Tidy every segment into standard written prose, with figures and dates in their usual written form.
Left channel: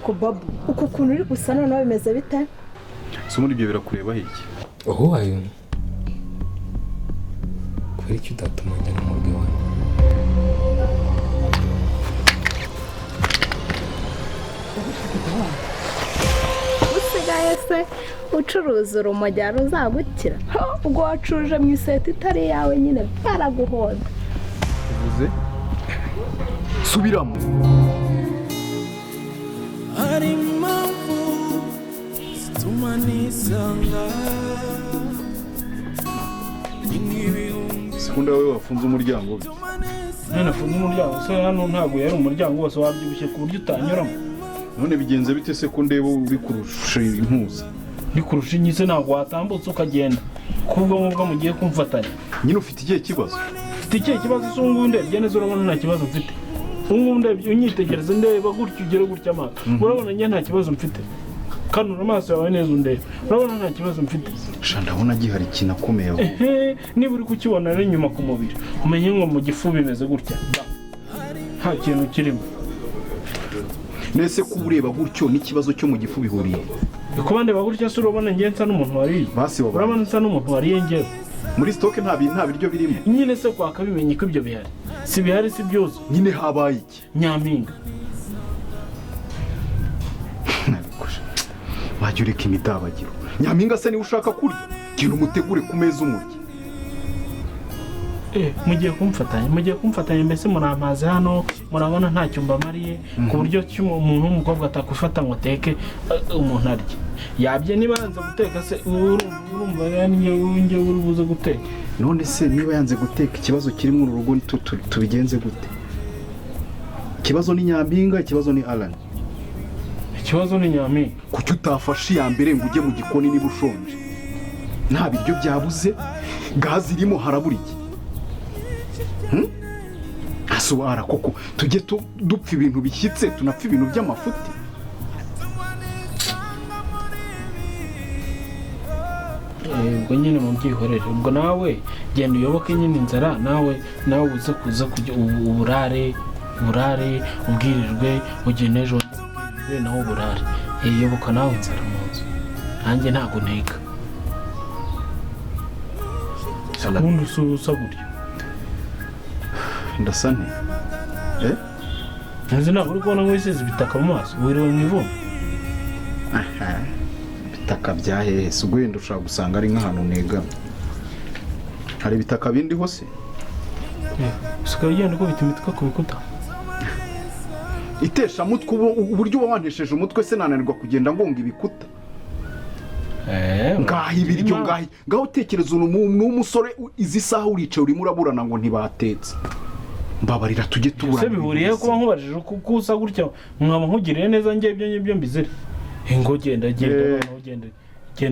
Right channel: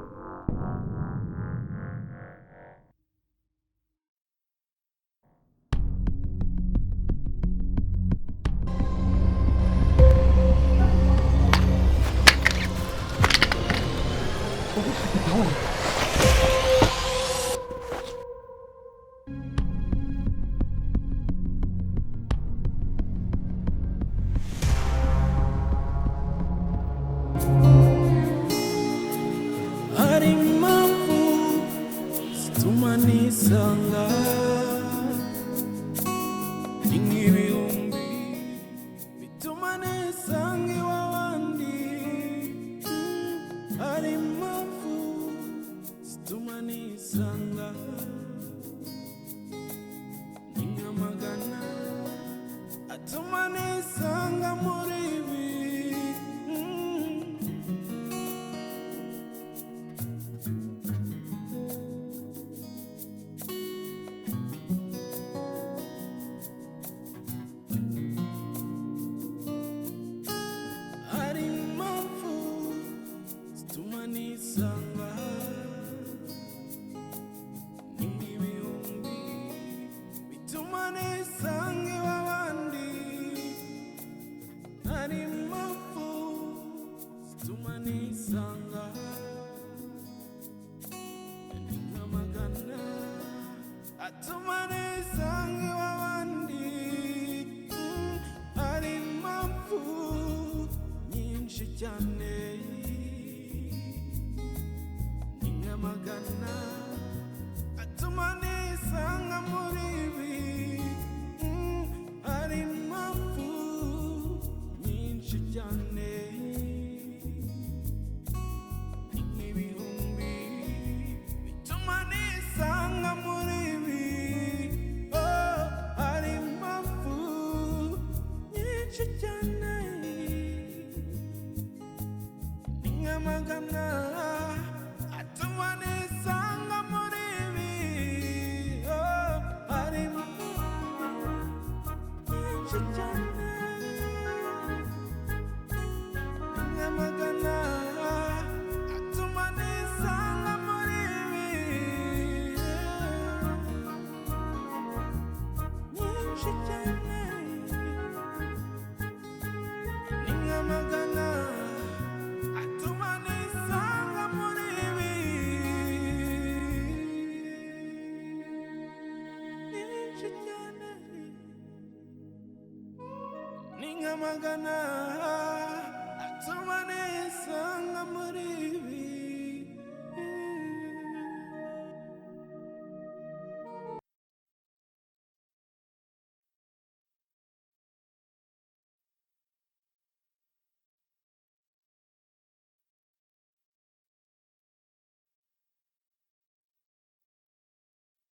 ariko babu uko kuntu uri gusa noneho bimeze bite so muri ibyo birakureba iki oho ayo kweri icyo utatuma njya mu rugo usigaye se ucuruza urumogi ruzagukira ubwo wacuruje mu iseta itari yawe nyine baraguhonda subiramo hari impamvu zituma nisanga ni nk'ibihumbi sekunda wowe wafunze umuryango nafunze umuryango se hano ntabwo yari umuryango wose wabyibushye ku buryo utanyuramo none bigenze bite se ko ndeba uri kurusha impuzu ndi kurusha inyise ntabwo watambutse ukagenda kubwo nk'ubwo mugiye kumfatanya nyine ufite ikihe kibazo ufite ikihe kibazo se ubu ngubu ndebye neza urabona nta kibazo mfite ubu ngubu ndebye unyitegereza ndeba gutya ugere gutya amaso urabona njye nta kibazo mfite kanura amaso yawe neza undeba urabona nta kibazo mfite sha ndabona gihari ikintu akomeye niba uri kukibona rero inyuma ku mubiri umenye ngo mu gifu bimeze gutya nta kintu kirimo nese ko ureba gutyo n'ikibazo cyo mu gifu bihuriye kuba ndeba gutya se urabona njye nsa n'umuntu wariye basi urabona nsa n'umuntu wariye njyewe muri stoke nta biryo birimo nyine se kwaka bimenye ko ibyo bihari si bihari si byose nyine habaye iki nyampinga wajya ureka imidabagiro nyampinga se niba ushaka kurya genda umutegure ku meza umurya mugiye kumfatanya mbese murampaze hano murabona ntacyo mbamariye ku buryo umuntu w'umukobwa atakufata ngo ateke umuntu arya yabye niba yanze guteka se urumva yanjye uri buze guteka none se niba yanze guteka ikibazo kiri mu rugo tubigenze gute ikibazo ni nyampinga ikibazo ni Alan ikibazo ni nyampinga kuki utafashe iya mbere ngo ujye mu gikoni niba ushonje nta biryo byabuze gazi irimo harabura iki asubara koko tujye dupfa ibintu bishyitse tunapfa ibintu by'amafuti ubwo nyine mubyihorere ubwo nawe genda uyoboke nyine inzara nawe uze kuza kujya uburare ubwirirwe ugene ejo nawe uburare yoboka nawe inzara mu nzu nanjye ntabwo nteka ubundi usa gutya ndasa nte nzi ntabwo uri kubona nk'uwisize ibitaka mu maso wiriwe mu ivumu ibitaka bya hehe si wenda ushobora gusanga ari nk'ahantu negama hari ibitaka bindi hose usigaye ugenda ukubita imitwe ku bikuta itesha mutwe uburyo uba wantesheje umutwe se nananirwa kugenda ngonga ibikuta ngaho ibiryo ngaho utekereza n'umusore izi saha uricaye urimo uraburana ngo ntibatetse mbabarira tujye tuburana ese bihuriye kuba nkubajije uko usa gutya mwaba nkugiriye neza njye ibyo ngibyo mbizire ngo genda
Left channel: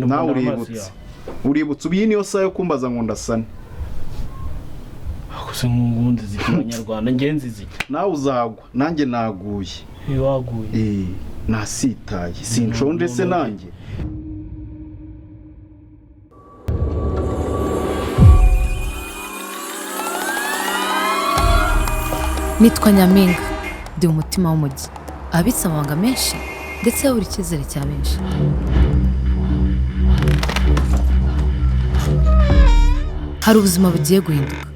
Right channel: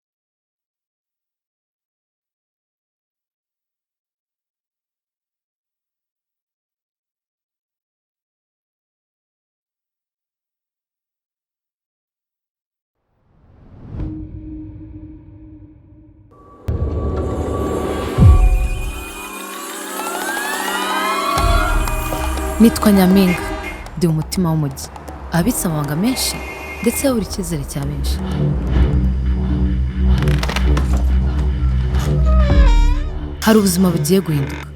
nawe uributse ubu iyi niyo saha yo kumbaza ngo ndasane gusa nk'ubundi ziki abanyarwanda ngenzi ziki nawe uzagwa nanjye naguye waguye nasitaye sinshonje se nanjye nitwa Nyampinga ndi umutima w'umujyi abitse amabanga menshi ndetse yabura icyizere cya benshi hari ubuzima bugiye guhinduka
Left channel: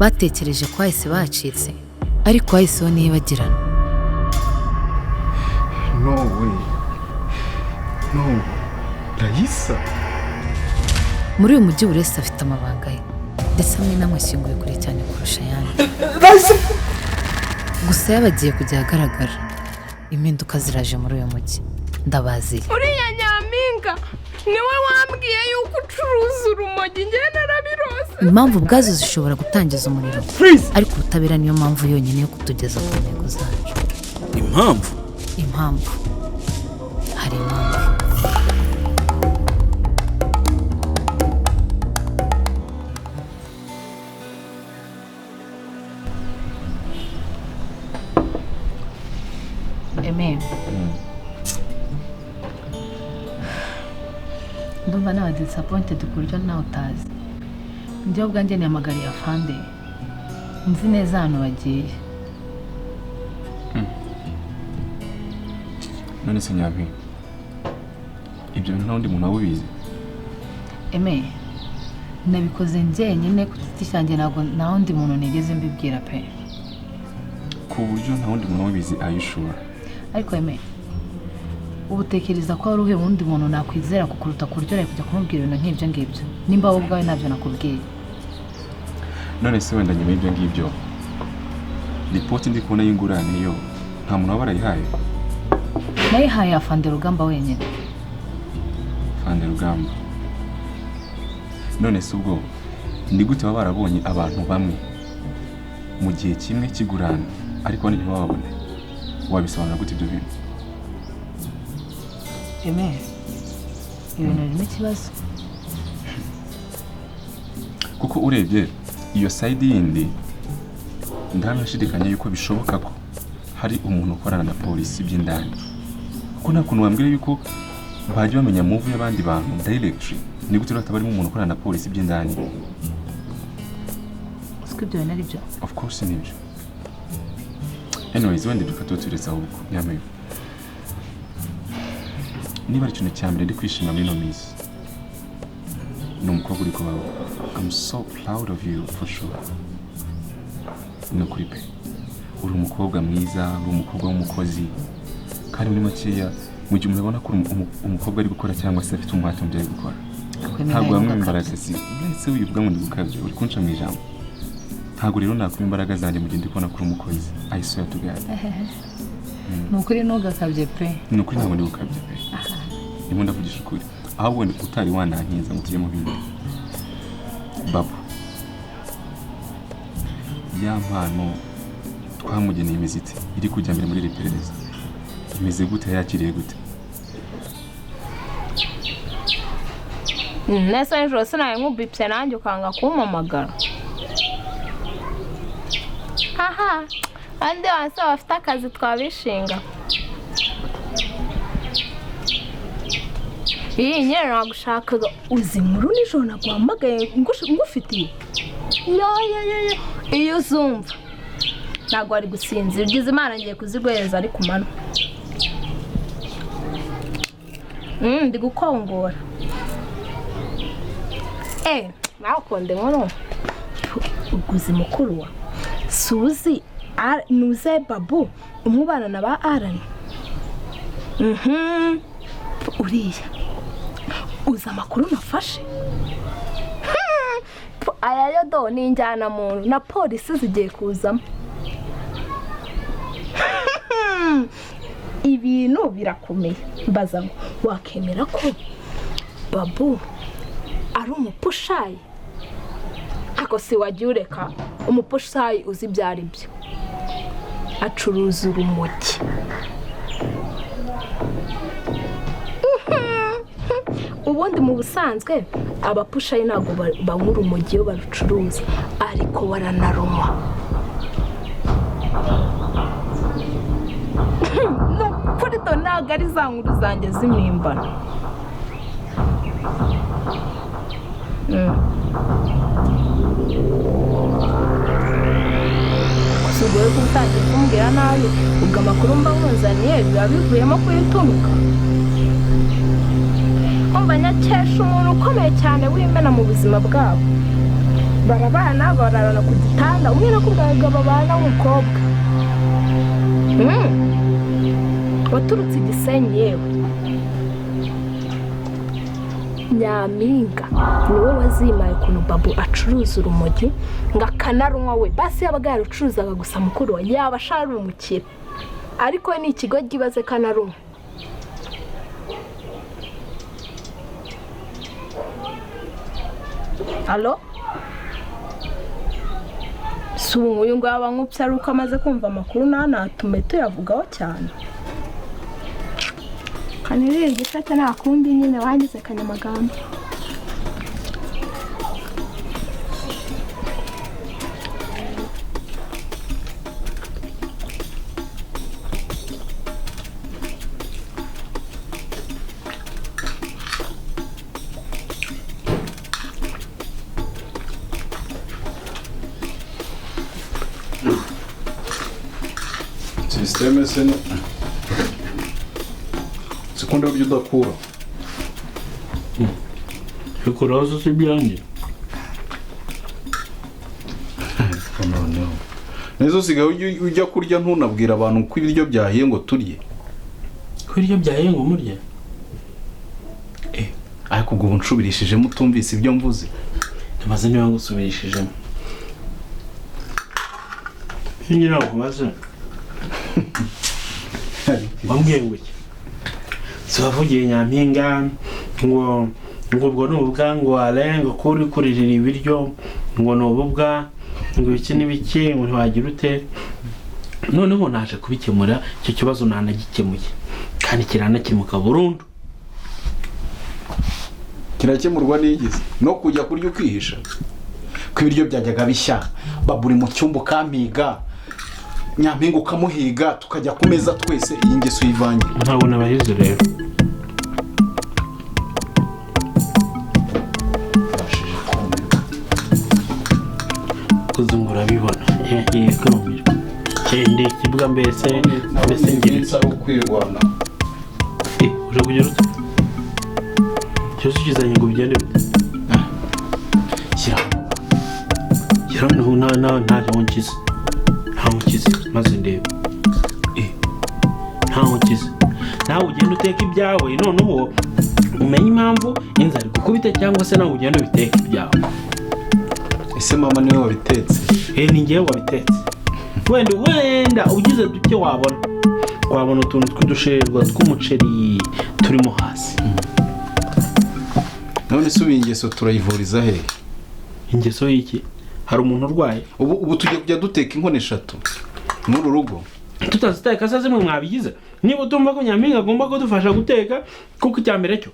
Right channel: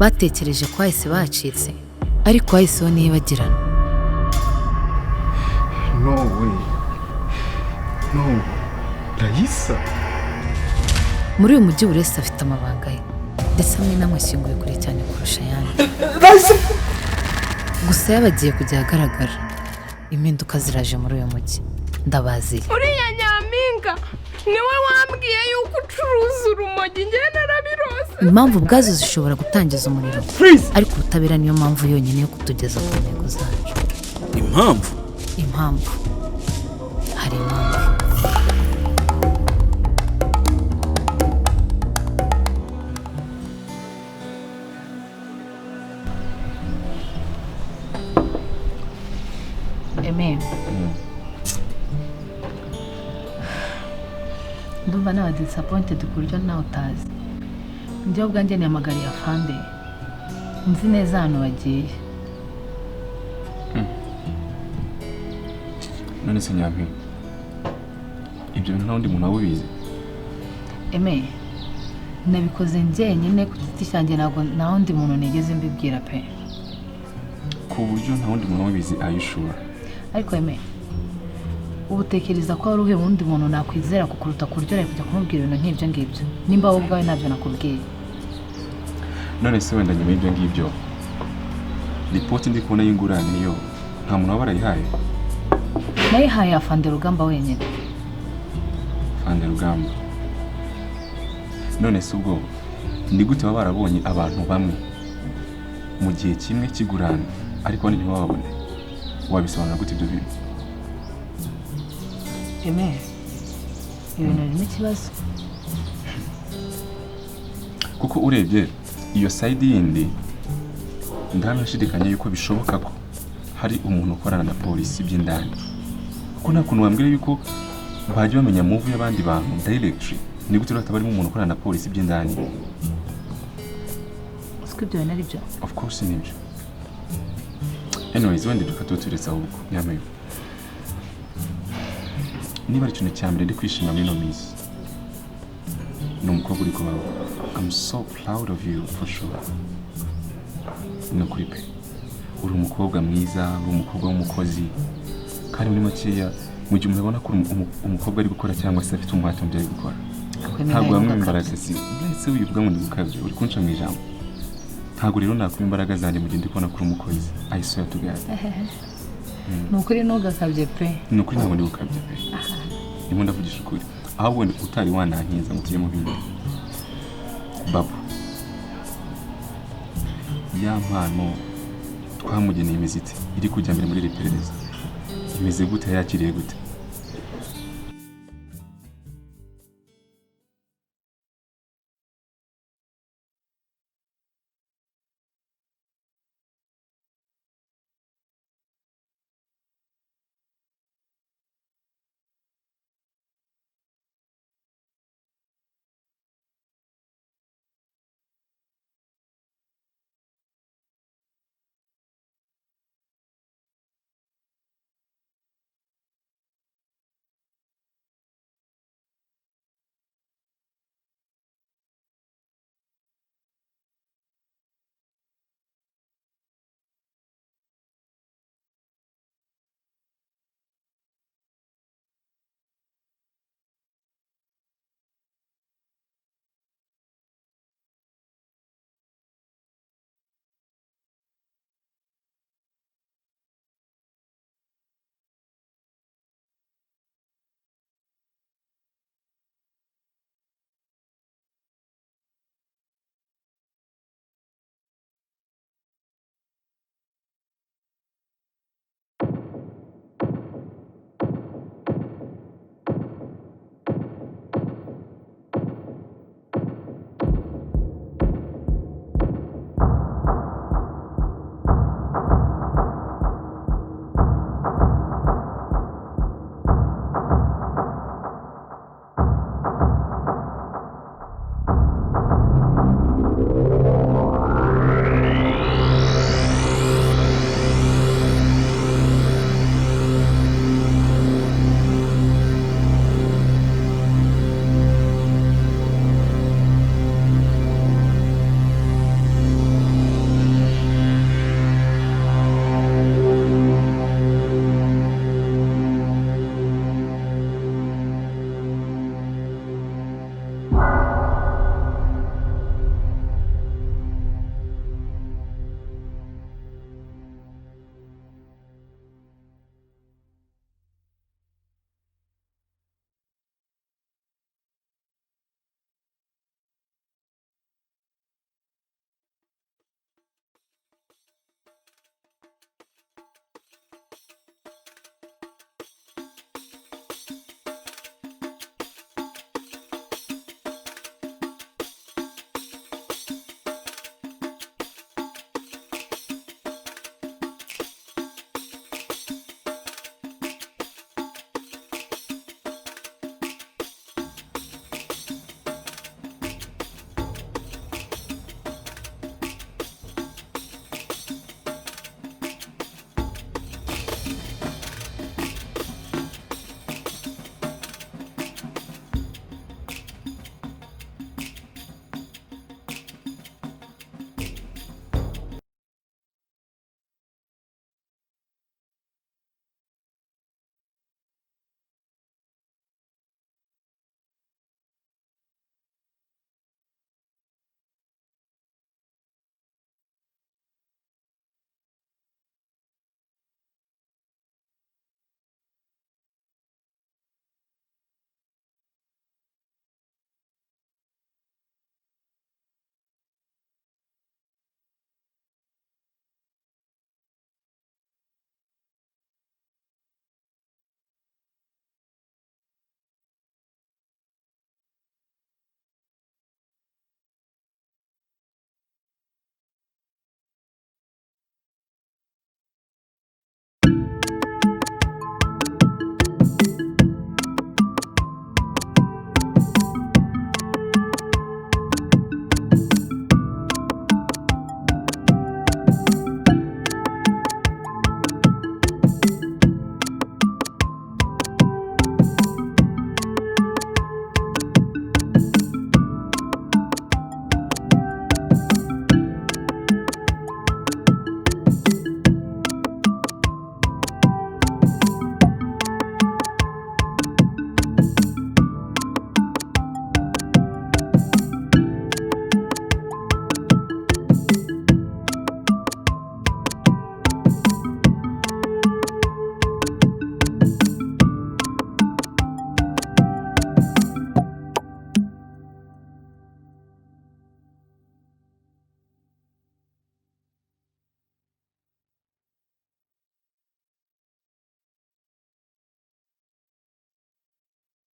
batekereje ko hahise bacitse ariko hahiseho ntibagirana no Raisa muri uyu mujyi buri wese afite amabanga ye ndetse amwe n'amwe ashyinguye kure cyane kurusha ayandi gusa yabagiye kujya ahagaragara impinduka ziraje muri uyu mujyi ndabaziye uriya Nyampinga niwe wambwiye yuko ucuruza urumogi njye narabirose impamvu ubwazo zishobora gutangiza umuriro ariko ubutabera niyo mpamvu yonyine yo kutugeza ku ntego zacu impamvu hari impamvu ndumva nawe disappointed ku buryo nawe utazi njyewe ubwanjye nihamagariye afande nzi neza ahantu bagiye none se Nyampinga ibyo bintu nta wundi muntu wabizi? Eme nabikoze njyenyine ku giti cyanjye, ntabwo nta wundi muntu nigeze mbibwira pe. Ku buryo nta wundi muntu wabizi? Ayishura? Ariko Eme ubu tekereza ko hari undi muntu nakwizera kukuruta kuryohera kujya kumubwira ibintu nk'ibyo ngibyo, nimba wowe ubwawe ntabyo nakubwiye. None se wenda nyuma y'ibyo ngibyo ripoti ndi kubona y'ingurane yo nta muntu waba barayihaye? Nayihaye Afande Rugamba wenyine. Afande Rugamba? None se ubwo ni gute baba barabonye abantu bamwe mu gihe kimwe kigurana ariko abandi ntibababone? Wabisobanura gute ibyo bintu? Eme ibintu birimo ikibazo, kuko urebye iyo side yindi ndanashidikanya yuko bishoboka ko hari umuntu ukorana na polisi by'indani, kuko nta kuntu wambwira yuko bajya bamenya move y'abandi bantu directly. Ni gute rero barimo umuntu ukorana na polisi by'indani? siko ibyo bintu ari byo. Of course nibyo. Anyways, wenda duka tuturetse ahubwo Nyampinga, niba ari ikintu cya mbere ndi kwishima muri ino minsi ni umukobwa uri kubaho. I'm so proud of you for sure. Ni ukuri pe, uri umukobwa mwiza, uri umukobwa w'umukozi, kandi muri makeya mu gihe umuntu abona ko umukobwa ari gukora cyangwa se afite umuhate mu byo ari gukora, ntabwo bamwe imbaraga si blesse wivuga ngo ndi gukabye, uri kunca mu ijambo. Ntabwo rero nakuma imbaraga zanjye mu gihe ndi kubona ko uri umukozi. I swear to God. Ni ukuri ntugakabye pe. Ni ukuri ntabwo ndi gukabye pe. Ndimo ndavugisha ukuri. Ahubwo ndi utari wanankiza ngo tujye mu bindi. Babu, ya mpano twamugeneye imiziti iri kujya mbere muri iperereza imeze gute, yakiriye gute? nese nijoro sinaye nk'ubipse nanjye ukanga kumpamagara. Haha andi wanse bafite akazi twabishinga. Iyi nyine nagushakaga uzi inkuru nijoro naguhamagaye ngufitiye. Yo iyo uzumva ntabwo wari gusinzira, ugize Imana ngiye kuziguhereza ari ku manywa. Ndi gukongora. Nawe ukunde nkuru uguze mukuru wa Suzi nuze Babu umubana na ba Arani. Uriya uza amakuru nafashe. Aya yo do ni njyana muntu na polisi zigiye kuzamo. Ibintu birakomeye. Mbaza ngo wakemera ko Babu ari umupushayi? Ako si wagiye ureka umupushayi uzi ibyo ari byo. Acuruza urumogi. Ubundi mu busanzwe abapushayi ntabwo banywa urumogi iyo barucuruza, ariko baranaruma. Nukuri do ntabwo ari za nkuru zanjye z'impimbano. Ugiye gutangira kumbwira nabi ubwo amakuru mba nkuzaniye biba bivuyemo kuyituruka. Banyakesha umuntu ukomeye cyane w'imena mu buzima bwabo. Barabana bararana ku gitanda, umwe nakubwaga babana w'umukobwa. Waturutse Gisenyi yewe. Nyampinga niwe wazimaye ukuntu Babu acuruza urumogi ngo akanarunywa we. Basi yabaga yarucuruzaga gusa mukuru we yaba ashara umukire, ariko ni ikigo gibaze kanarunywa. Halo? Sungu uyu ngo abankupye ari uko amaze kumva amakuru ntanatume tuyavugaho cyane. Kanirira igisate nta kundi nyine wangize Kanyamagambo. Sisteme seni. ukunda ibyo udakura bikuraho zo si byanjye noneho neza usigaye ujya kurya ntunabwira abantu ko ibiryo byahiye ngo turye ko ibiryo byahiye ngo murye ariko ubwo unshubirishijemo utumvise ibyo mvuze tumaze niba ngusubirishijemo nyina nkubaze wambwiye ngo iki si wavugiye Nyampinga ngo ubwo ni ububwa ngo arenga ko uri kuririra ibiryo ngo ni ububwa ngo iki n'ibiki ngo ntiwagira ute noneho naje kubikemura icyo kibazo nanagikemuye kandi kiranakemuka burundu kirakemurwa n'igize no kujya kurya ukihisha ko ibiryo byajyaga bishya baburi mu cyumba ukampiga Nyampinga ukamuhiga tukajya ku meza twese iyi ngeso yivangira ntabona abahizi rero kuzungura bibona kende kibuga mbese ngiritsa ukwirwana uje kugera ute cyose ukizanye ngo bigende shyira noneho ntaho nkize maze ndebe ntaho nkize nawe ugenda uteka ibyawe noneho umenye impamvu inzara gukubita cyangwa se nawe ugenda ubiteka ibyawe ese mama niwe wabitetse ni njyewe wabitetse wenda ugize duke wabona utuntu tw'udusherwa tw'umuceri turimo hasi none se ubu ingeso turayivuriza hehe ingeso y'iki hari umuntu urwaye ubu tugiye kujya duteka inkono 3 muri rugo tutaziteka se zimwe mwabigize niba utumva ko Nyampinga agomba kudufasha guteka kuko icyambere cyo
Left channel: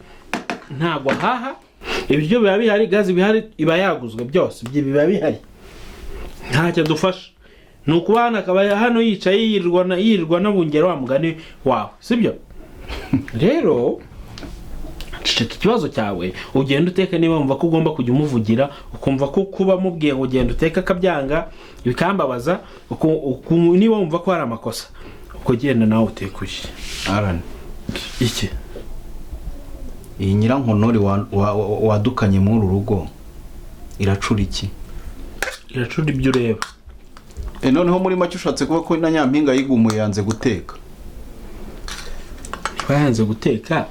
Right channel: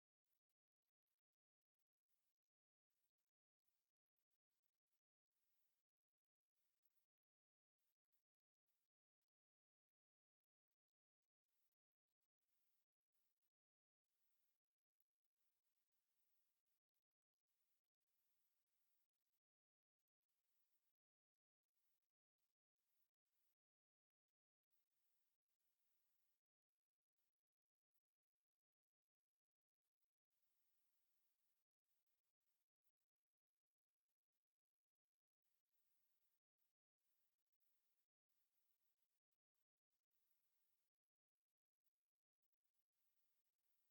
ntabwo haha ibiryo biba bihari gazi bihari iba yaguzwe byose biba bihari ntacyo dufasha ni ukubana akaba hano yicaye yirirwa n'abungera wa mugani wawe sibyo rero ceceka ikibazo cyawe ugenda uteka niba wumva ko ugomba kujya umuvugira ukumva ko kuba mubwiye ngo ugenda uteka akabyanga bikambabaza niba wumva ko hari amakosa uko genda nawe utekuye Alan iki iyi nyirankonori wadukanye muri uru rugo iracura iki iracura ibyo ureba noneho muri make ushatse kuba ko na Nyampinga yigumuye yanze guteka niba yanze guteka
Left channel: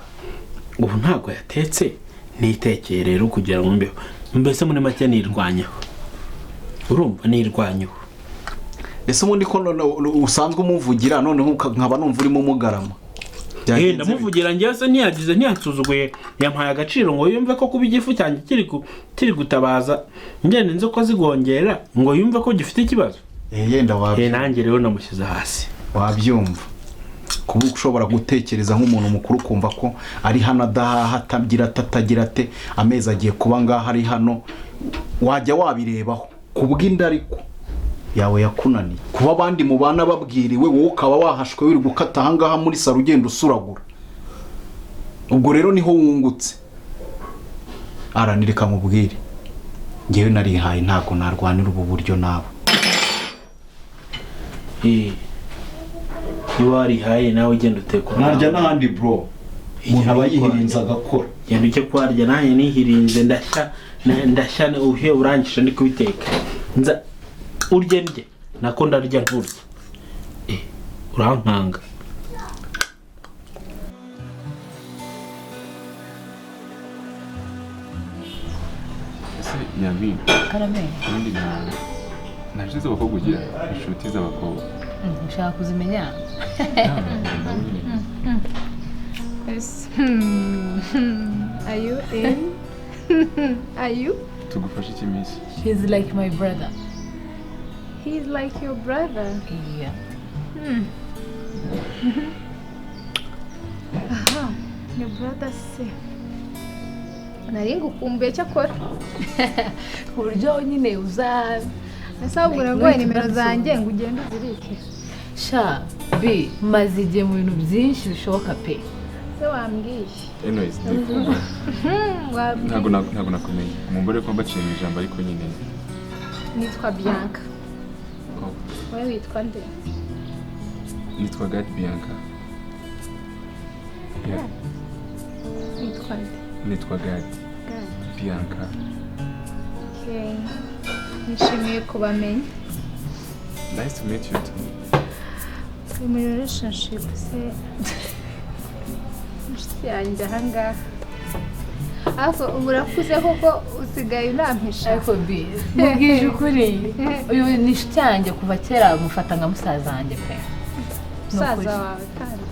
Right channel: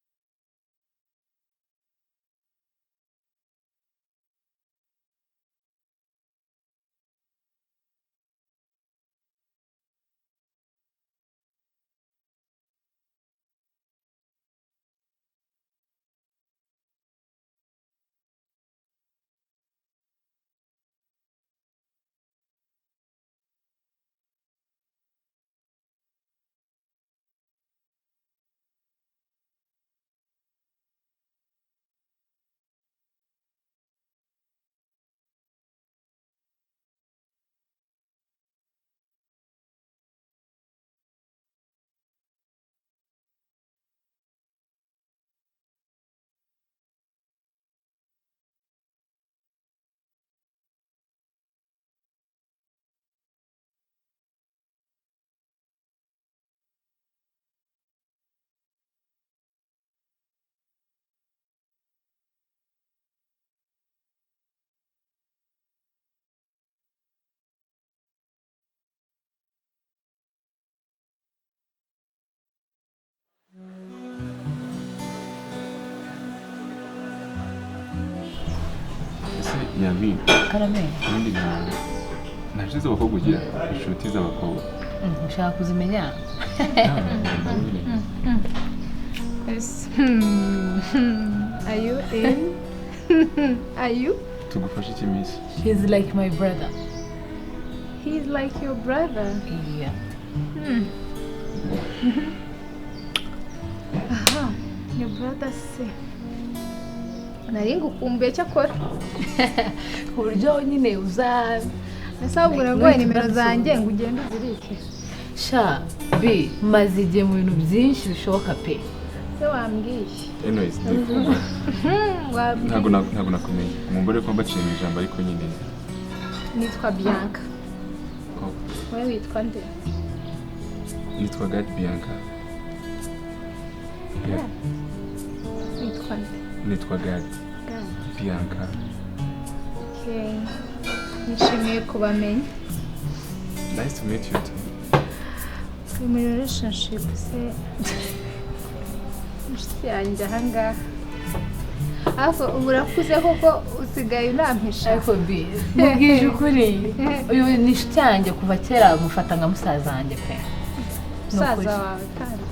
ubu ntabwo yatetse nitekeye rero kugira ngo mbeho mbese muri make nirwanyeho urumva nirwanyeho ese ubundi ko usanzwe umuvugira noneho nkaba numva urimo umugarama ndamuvugira njyewe se ntiyasuzuguye yampaye agaciro ngo yumve ko kuba igifu cyanjye kiri gutabaza ngende nzi ko zigongera ngo yumve ko gifite ikibazo yenda nanjye rero namushyize hasi wabyumva kuba ushobora gutekereza nk'umuntu mukuru kumva ko ari hano adahaha atagira ate amezi agiye kuba ngaho ari hano wajya wabirebaho kubw'inda ariko yawe yakunaniye kuba abandi mu bana babwiriwe wowe ukaba wahashwe wiri gukata ahangaha muri saro ugenda usuragura ubwo rero niho wungutse aranireka mubwire ngewe narihaye ntabwo narwanira ubu buryo nawe niba warihaye nawe ugenda utekwa narya n'ahandi bro umuntu aba yihirinze agakora genda ujye kwarya nanjye nihirinze ndashya uhe urangije ndi kubiteka urye ndye nako ndarya nturye urankanga ese Nyampinga Karameli ubundi naje z'abakobwa ugira inshuti z'abakobwa ushaka kuzimenya Yes. Are you in? Are you? tugufashe iki minsi he's like my brother. He's like your brother. Yeah. Aha, your brother se. Nari ngukumbuye cyakora. Ku buryo nyine uza Nasabura ngo nimero zanjye ngo ugende uzirike. sha bi maze igihe mu bintu byinshi bishoboka pe. Se wambwiye. anyways ntabwo nakumenya mumbore ko mbaciye mu ijambo ariko nyine Nitwa Bianca. Wewe witwa nde? nitwa God Bianca Yeah. Witwa nde? Nitwa Gad. Gad. Bianca. Okay. Nishimiye kubamenya. Nice to meet you too. Turi muri relationship se. Inshuti yanjye ahangaha. Ariko ubu urakuze koko usigaye unampisha. ariko bi mubwije ukuri uyu ni inshuti yanjye kuva kera mufata nka musaza wanjye pe Musaza wawe kandi.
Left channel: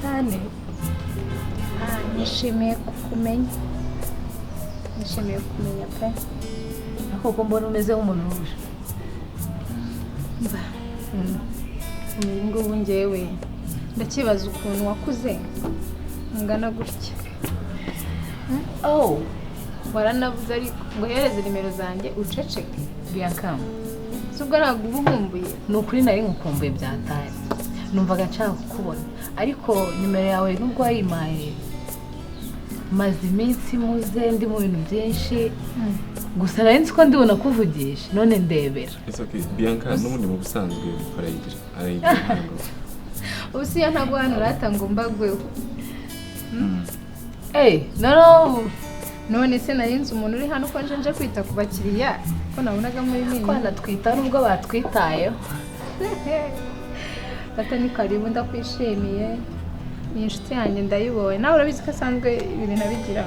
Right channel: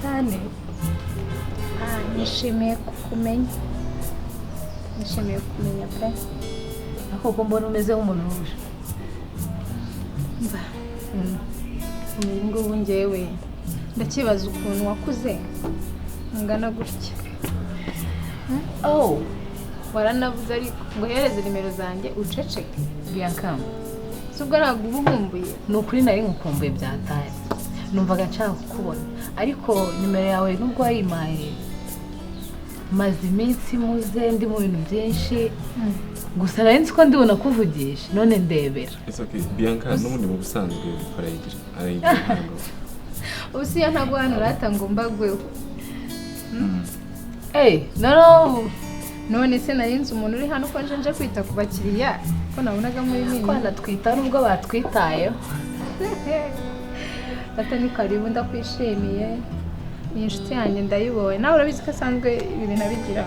cyane Nishimiye kukumenya. Nishimiye kumenya pe. ariko ko mbona umeze nk'umuntu wuje Mba. Ubu ngubu njyewe ndakibaza ukuntu wakuze ungana gutya. oh Waranavuze ariko ngo hereze nimero zanjye uceceke. Bianca Subwo ntabwo uba ukumbuye. ni ukuri nari ngukumbuye byataye numvaga nshaka kukubona ariko nimero yawe nubwo wayimpaye maze iminsi muze ndi mu bintu byinshi gusa nari nzi ko ndibona kuvugisha none ndebera. It's okay. Bianca n'ubundi mu busanzwe arayigira ntabwo. Ubu siyo ntabwo hano urata ngo mbagweho. No None se nari nzi umuntu uri hano ko nje kwita ku bakiriya ko nabonaga muri nini. kwana twita nubwo batwitayeho. Bata ni karibu ndakwishimiye. Ni inshuti yanjye ndayibonye. Nawe urabizi ko asanzwe ibintu nabigira.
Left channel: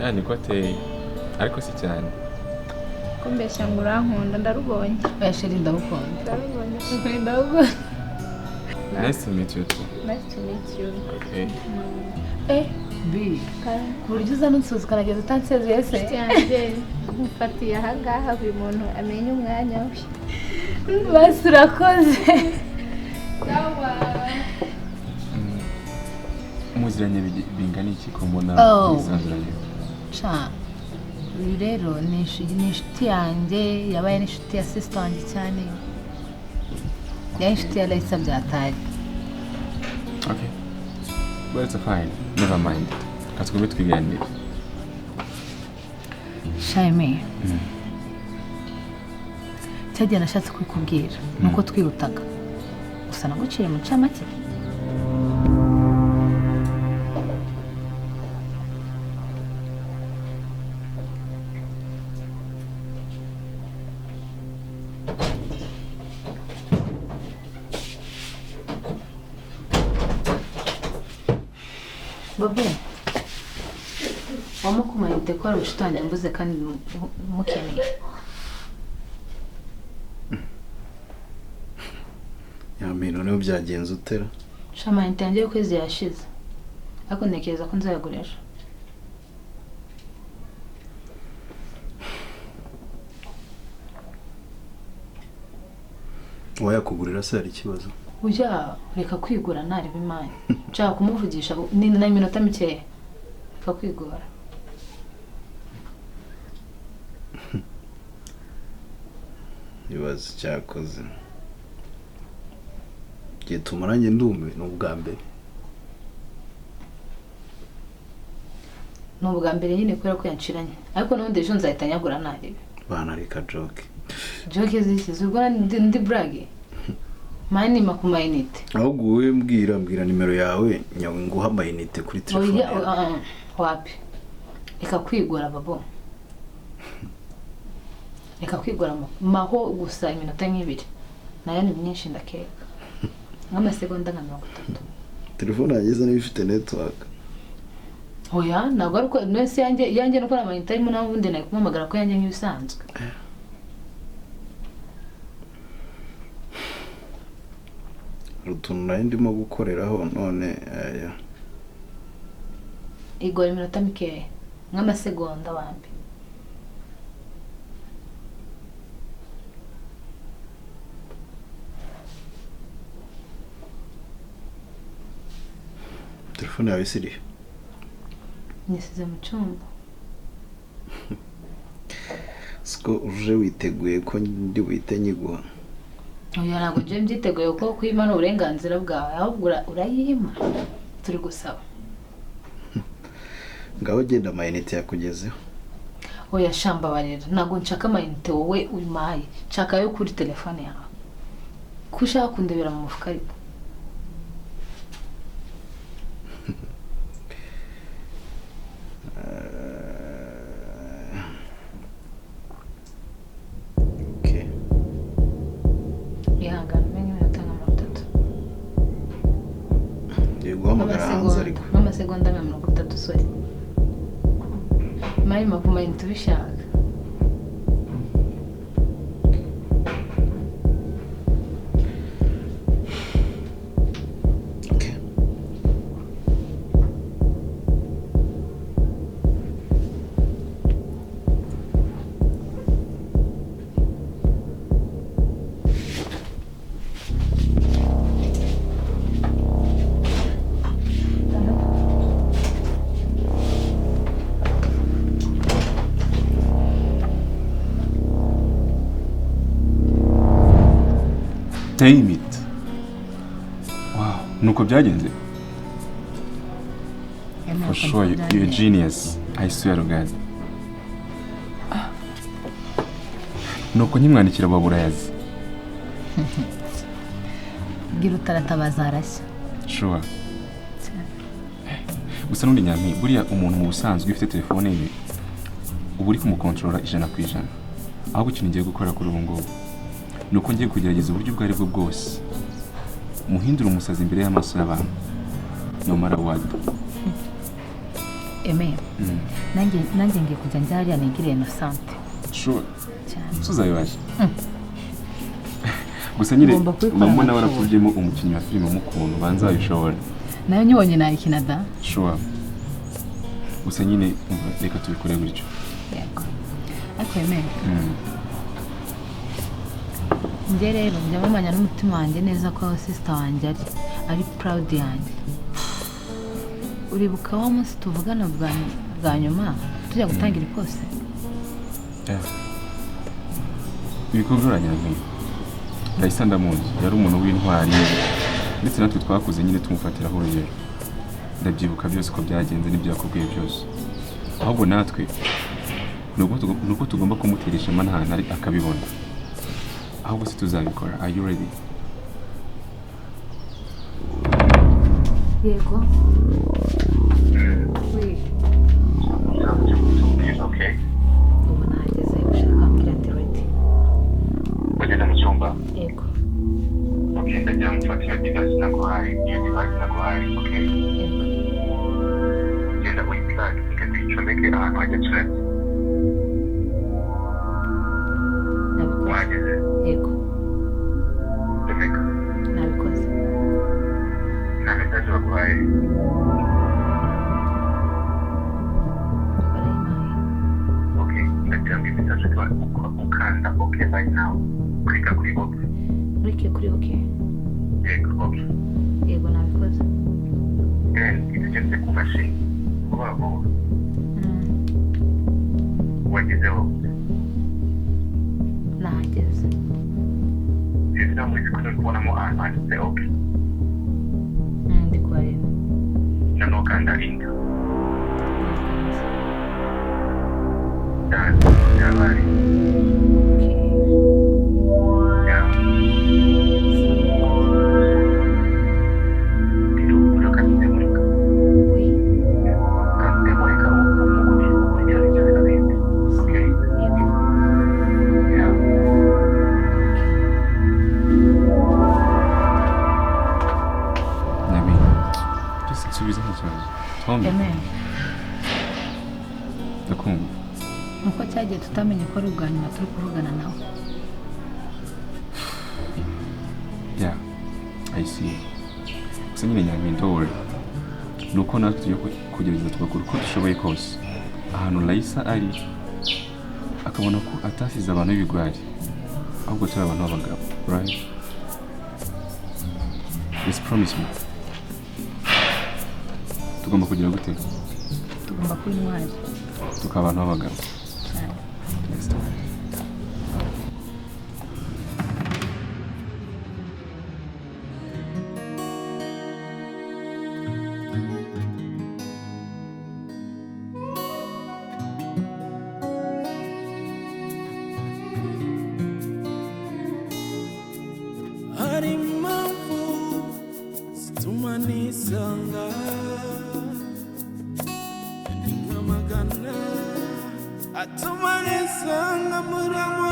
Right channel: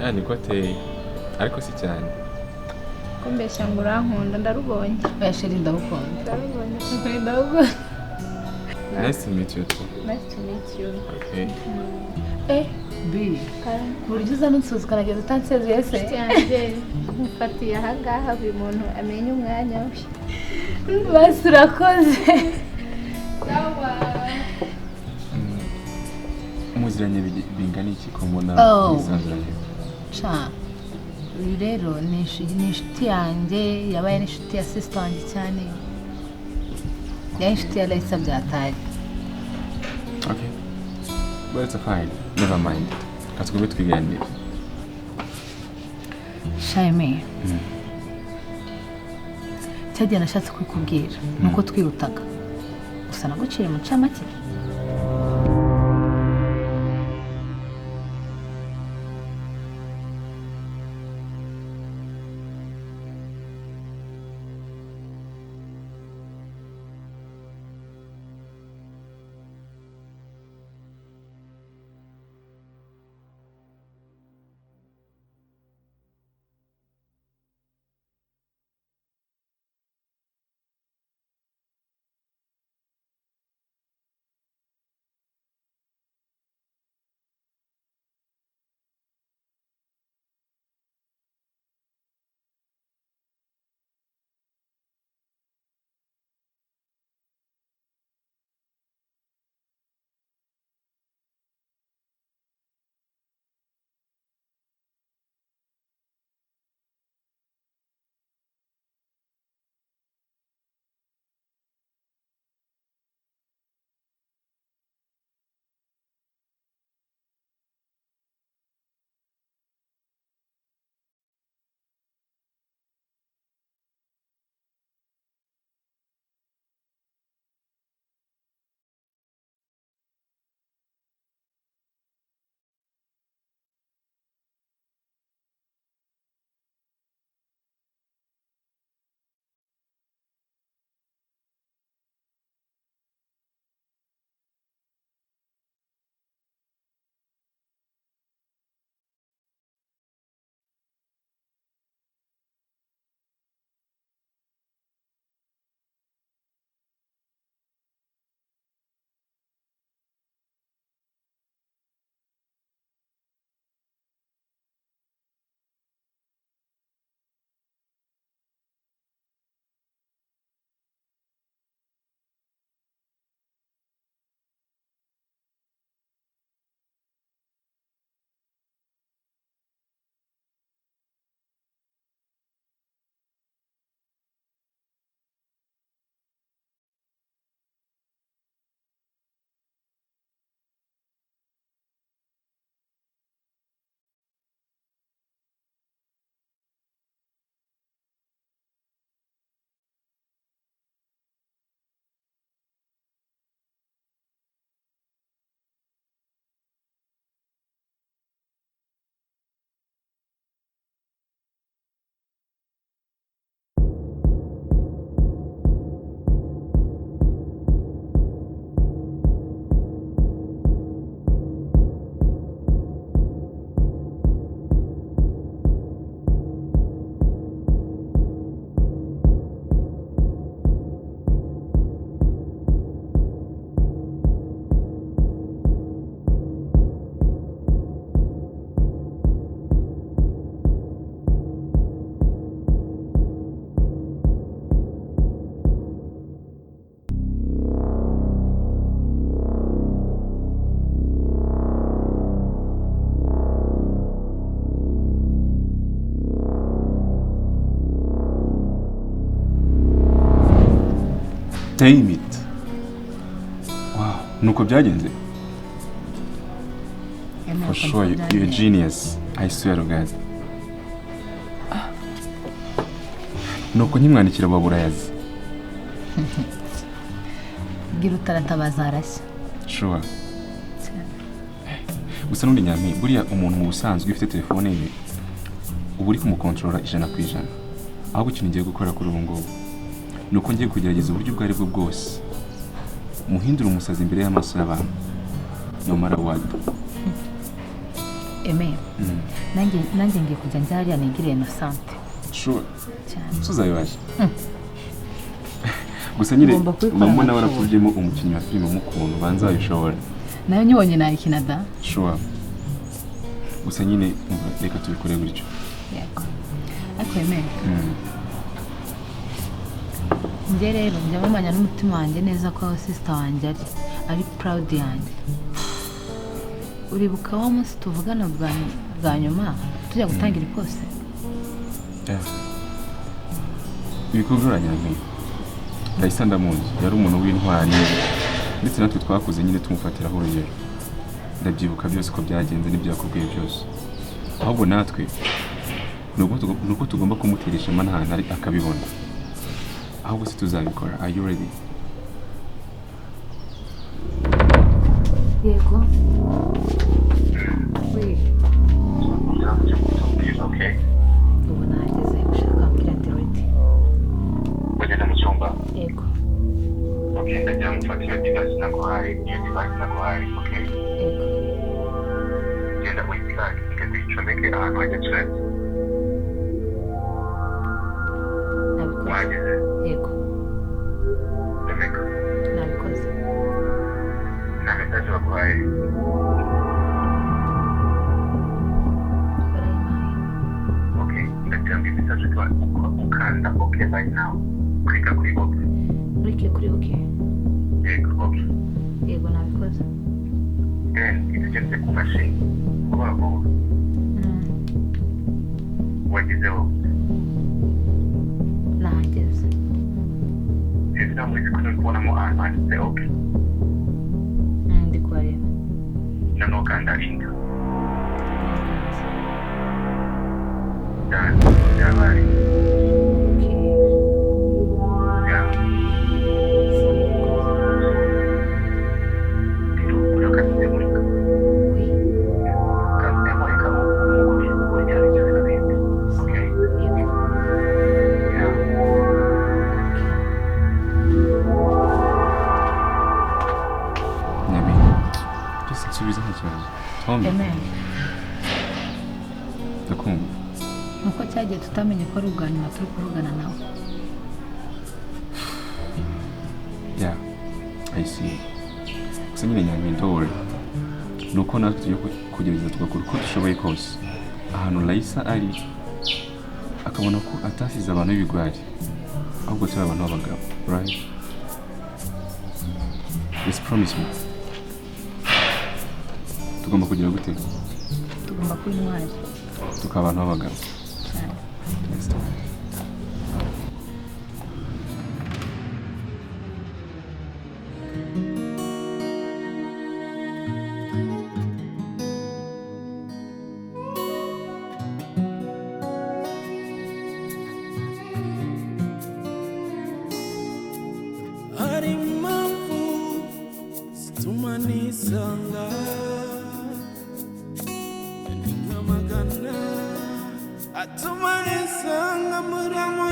Ya niko ateye ariko si cyane. Ko mbeshya ngo urankunda ndarubonye. Bashiri ndagukunda. Ndarubonye. Ndagukunda. Nice to meet you too. Nice to meet you. Okay. Bi ku buryo uza n'unsuzi ukanageza utansezeye se Inshuti yanjye mufatiye ahangaha buri muntu amenye umwanya we. basi urakoze. Muziranye bingana iki ko mbona bisanzuranye? Cha uyu rero ni inshuti yanjye yabaye n'inshuti ya sister wanjye cyane yari inshuti ya Raisa byataye. Okay. But it's fine. Never mind. Katugube twiganire. Shaime cyagiye nashatse kwikubwira nuko twirutaga gusa naguciye mu camake. Babe wamukumayite ko ari ushitangira mbuze kandi mukeneye. Yamino niyo byagenze utera. Shamayite yanjye y'ukwezi yashize ariko ntekereza ko nzayagurisha. Wayakugurira se hari ikibazo? Ujya reka kwigura ntari bimanye nshaka kumuvugisha ni na iminota mikeya reka kwigura. Ibibazo cyakoze gihe tumaranye ndume ni ubwa mbere. Ni ubwa mbere nyine kubera ko yanciranye ariko n'ubundi ejo nzahita nyagura ntarebe. Bana reka joke. Joke zishyize ubwo ndi brage mani makumayinite. Ahubwo wowe mbwira nimero yawe nyawe nguha amayinite kuri telefone yawe. Wapi reka kwigura babo reka kwigura maho gusa iminota nk'ibiri nayo ni myinshi ndakeka nk'amasegonda nka 30. Telefone yageze niba ifite network. Oya ntabwo ari uko nese yanjye nuko amayinite arimo naho ubundi nayo kumamagara ko yanjye nk'ibisanzwe. Utuntu nari ndimo gukoreraho none aya. Igora iminota mikeya nk'amasegonda wambi. Telefone yawe isiri. Nisize mu cyumba. Siko uje witeguye ko ndi buhite nyiguha. Oya ntabwo nje mbyiteguye ko kwimana uburenganzira bwawe ahubwo urayima turi gusaba. Ngaho genda amayinite yakugezeho. Oya shamba barera ntabwo nshaka amayinite wowe uyimaye nshaka yo kuri telefone yawe ko ushaka kundebera mu mufuka ariko. Damn it. Wow, nuko byagenze. For sure, you're a genius. I swear to God. Nuko nkimwandikira baburayazi. gira utaratabaza arashya. Sure. Gusa n'undi nyami buriya umuntu mu busanzwe ufite telefone ye ubu uri kumukontorora 100%. Ahubwo ikintu ngiye gukora kuri ubu ngubu nuko ngiye kugerageza uburyo bwari bwo bwose muhindura umusazi imbere y'amaso y'abantu no matter what. nanjye ngiye kujya njya hariya nigire Innocent. Sure. Cyane. Tuzayibaje. Gusa nyine mama nawe arakubyemo umukinnyi wa filime mukuntu banzayishobora. Nayo nyibonye nayikina da. Sure. Gusa nyine reka tubikore gutyo. Yego. Ariko njye rero njyamamanya n'umutima wanjye neza ko sister wanjye ari proud yanjye. Uribuka wa munsi tuvugana bwa nyuma tujya gutangira ipose? Bikuguranya nyine. Ndahise ndamuzi yari umuntu w'intwari ndetse natwe twakuze nyine tumufatiraho urugero. Ndabyibuka byose ko byagenze n'ibyo yakubwiye byose. Ahubwo natwe nuko tugomba kumuteresha manhana ari akabibona. Ahubwo se tuzabikora. Are you ready? Yego. Oui. Okay. Ubu nageze ushaka ambwira ndi ready. Wagenda mu cyumba? Yego. Okay, ndagira ngo mfate iyo device naguhaye. Iyo device naguhaye, okay? Yego. Genda wiplug, ukazicomeke ahantu hajya charge. Nabikoze. Wageze? Yego. Domeka. Nabikoze. Nta message baguhaye? Barayimpaye. Okay, ndagira ngo iyi message ukanda okay right now. Klika kuri okay. Ureke kuri okay. Yego, okay. Yego nabikoze. Then, itugeze ku mashini. Vuba vuba. Wagezeho? Nahageze. Hejuru muri screen kubonamo ahantu handitse okay. Ndi kuhareba. Noneho kanda enter. Nakanze. Done. Yabaye. Okay. Yeah. Oui. Nyami. Just nsubiza nta kibazo. Tommy. Amen. Ndakumva. Nuko cyagiye tutamenye ko ari ubwa nyuma turi kuvugana nawe. Yeah. I see. Gusa nyine nyami ndore. Nuko natwe tugiye kugerageza tugakora uko dushoboye kose. Ahantu Raisa ari akabona ko atasize abantu b'ibigwari. Ahubwo turi abantu b'abagabo. Right? Just promise me. Tugomba kugira gute? Tugomba kuba intwari. Tukaba abantu b'abagabo. Cyane. Next time. hari impamvu zituma nisanga ni nk'amagana atuma nisanga muri amo